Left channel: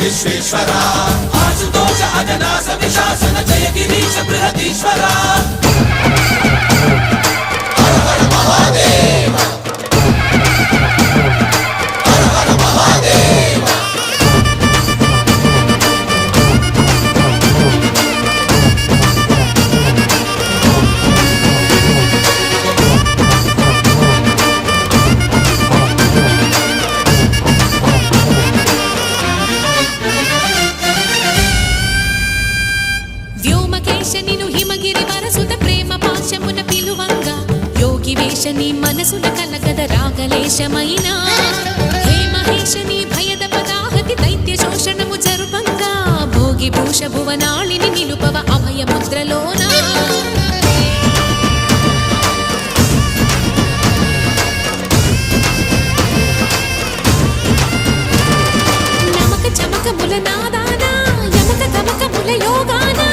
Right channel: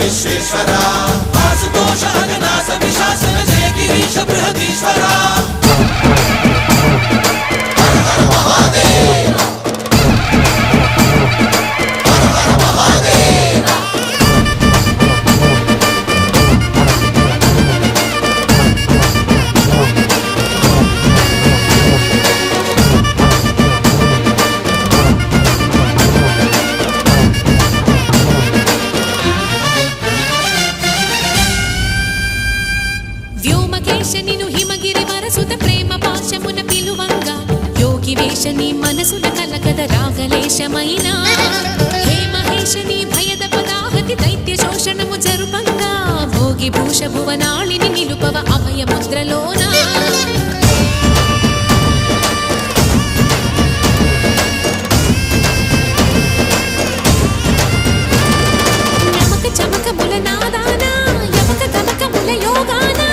విశ్వేశ్వరా ఆశుతోష అజనాస విశాసన జయ గిరీశ బృహదీశ్వరా వ్యోమకేశనిను హిమగిరి వరసుత ప్రేమ పాశమున పిలువంగా యోగి వేషని మనసున కలకద రాగలేశమైనా హే మహేశని భయద పదాహతి దైత్య శోషణము జరుపంగా భోగి భూష భువనాళిని నిలుపవ అభయ ముద్రలోనా నమక చమక ముల నాదానా యమక గమక ముల యోగానా